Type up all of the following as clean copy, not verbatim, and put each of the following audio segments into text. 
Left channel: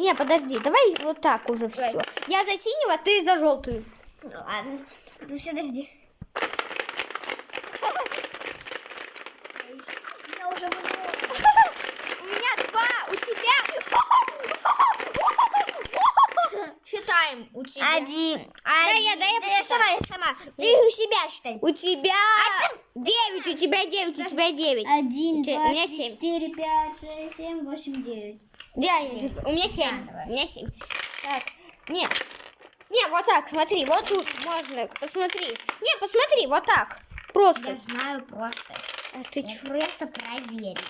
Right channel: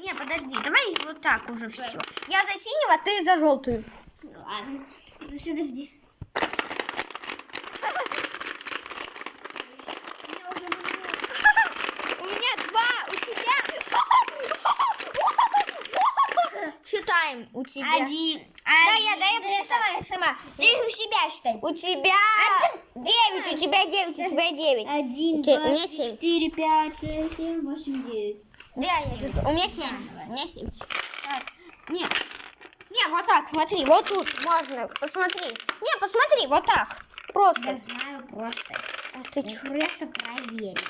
Не, подожди, давай вот так уже все. Я за синего, ты за желтую. Ну ладно. Ну все, подожди. Я уже У меня 2, у тебя. Считаем у тебя. 1. Да, я сама. Ты у себя считай. У тебя 9, у тебя 9, у тебя 9. 1, У 2, меня 3, 7. 4, 5, 6, 7, 8, 9. У меня 7. У меня 7. Так, нет. Не, вот так, смотри, вот тут можно, посмотри. Не, посмотри, вот так. Просто. Я знаю просто. А ты чё? Просто проверить.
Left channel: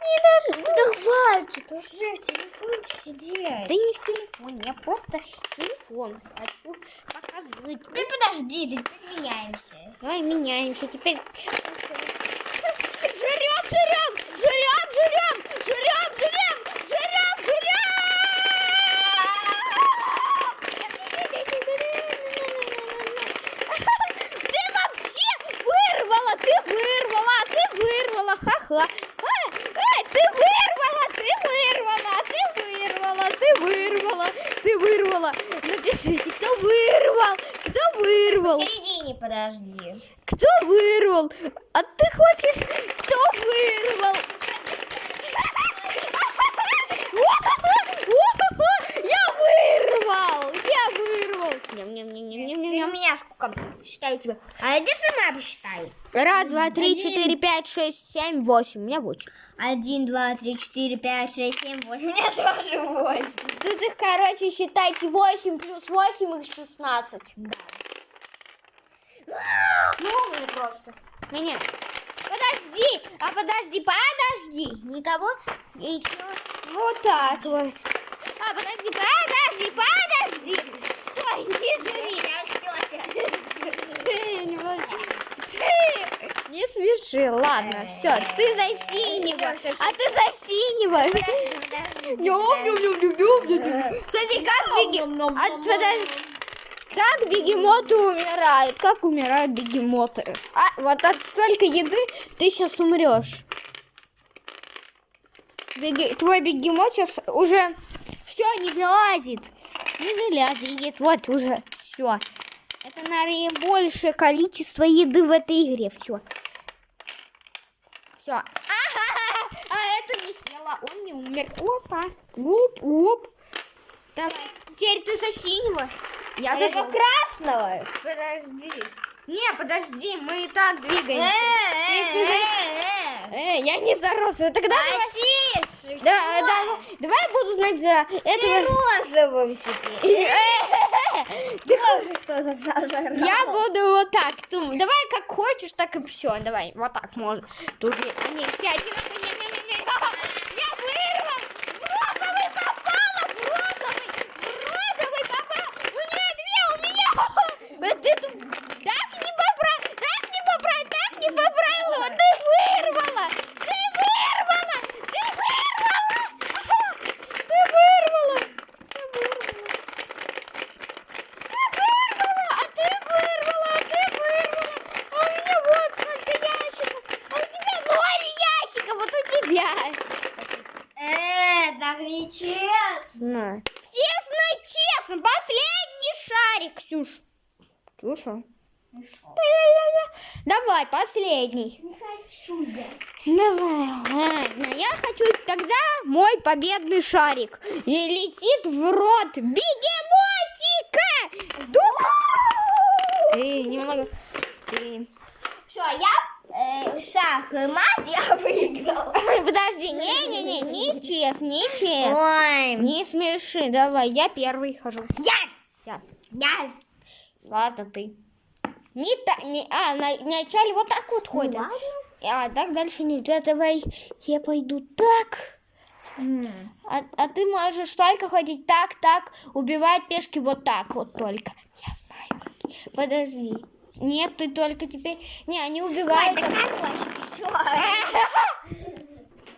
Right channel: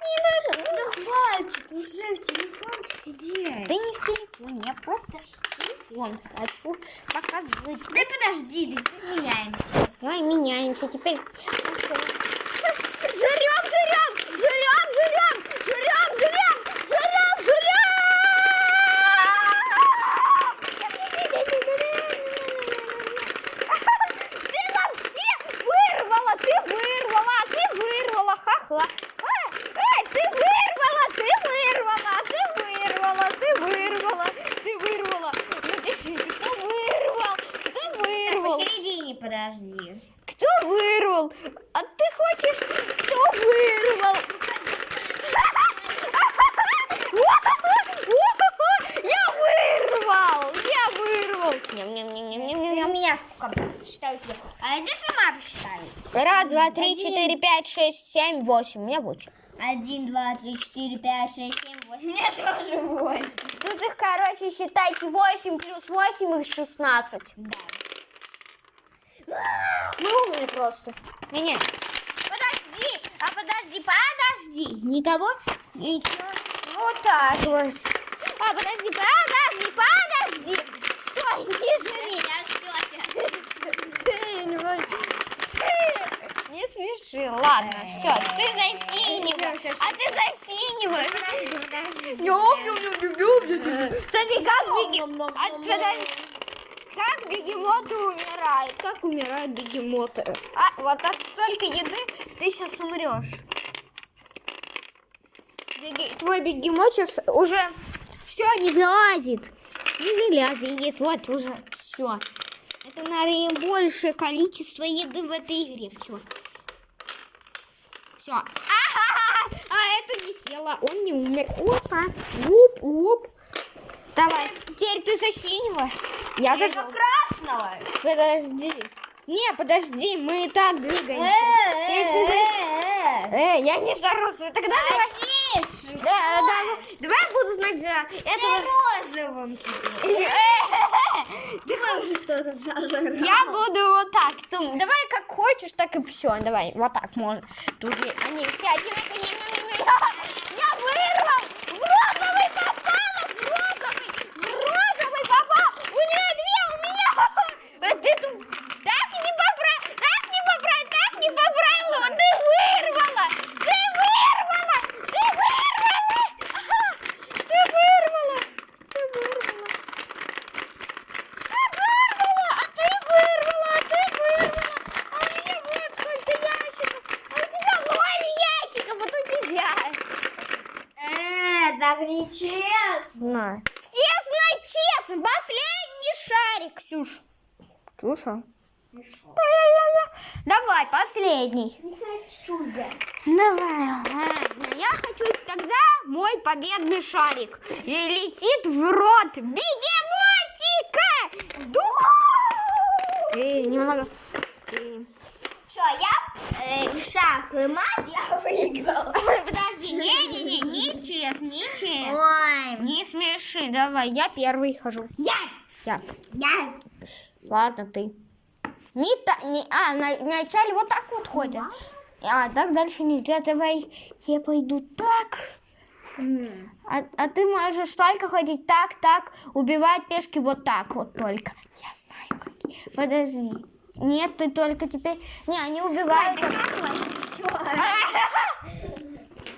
Не надо. Да хватит уже в телефоне сидеть. Да не в телефоне, я просто телефон хочу показывать. Да подожди, да меняемся. Давай меняемся теперь. Ха-ха. Ты вырвала. Напишите, кто вырвал? Посередине подожди. Кто вырвал? А ты хочешь, кто вырвал? Я вырвал. У меня сколько? Считаю тебя. А иди сама посчитай. 1, 2, 3, 4, 5, 6, 7, 8. У меня 8. 1, 2, 3, 4, 5, 6, 7, 8. У меня тоже 8. Тут их, короче, считайте 8 плюс 8 их 16. Да. Ну, умный просто. Меня. Подожди. Никого? Ничего. Вот так вот. Подожди. Стой, не жри. Я все. Ты не смеши. Ладно, все. Ты за синего. Всё. А ты за синего. Подожди. Смотри, как бегемоты умирают. Как умирают бегемоты. Вот от столько еды ты сейчас умрешь. Твой бегемот сейчас уже все не вылазит. Не вылазит. Вот уже все. Это наибольшее количество еды в этой игре. Все. А это не съела. Он не умер. Опа. Уп. Давай. Теперь ты за синего. Я за красного. Подожди. Не, подожди. Мы и так двигаемся. Я не за розовый. Тогда давай я буду знать за этого. Розовым теперь. Ты Тоже что за Я буду вот так. Давай как хочешь, так и все. Давай, вот так можно. Тут они все одинаковые. Я вырвал! В розовый попала! В розовый попал! У нее 2, у меня! Ты тут так не поправила! Ты вырвала! Так нечестно. Честно. Последний шарик, Ксюша. Давай, последний. Не хочу я. Давай, ладно. Я хочу тогда мой победный шарик. И летит в рот бегемотика. Немного. Все, я шах и мат, я выиграла. Подожди, нечестно. Ой. Не смеши, давай, я первый хожу. Я. Ладно, ты. Вначале вот так вот ходят. Так дальше нельзя. Давай, я пойду так. А ты можешь только ходить так, убивать пешки вот так вот только. Я знаю, как. Подожди. Нет, ты только теперь... Не, они убивают...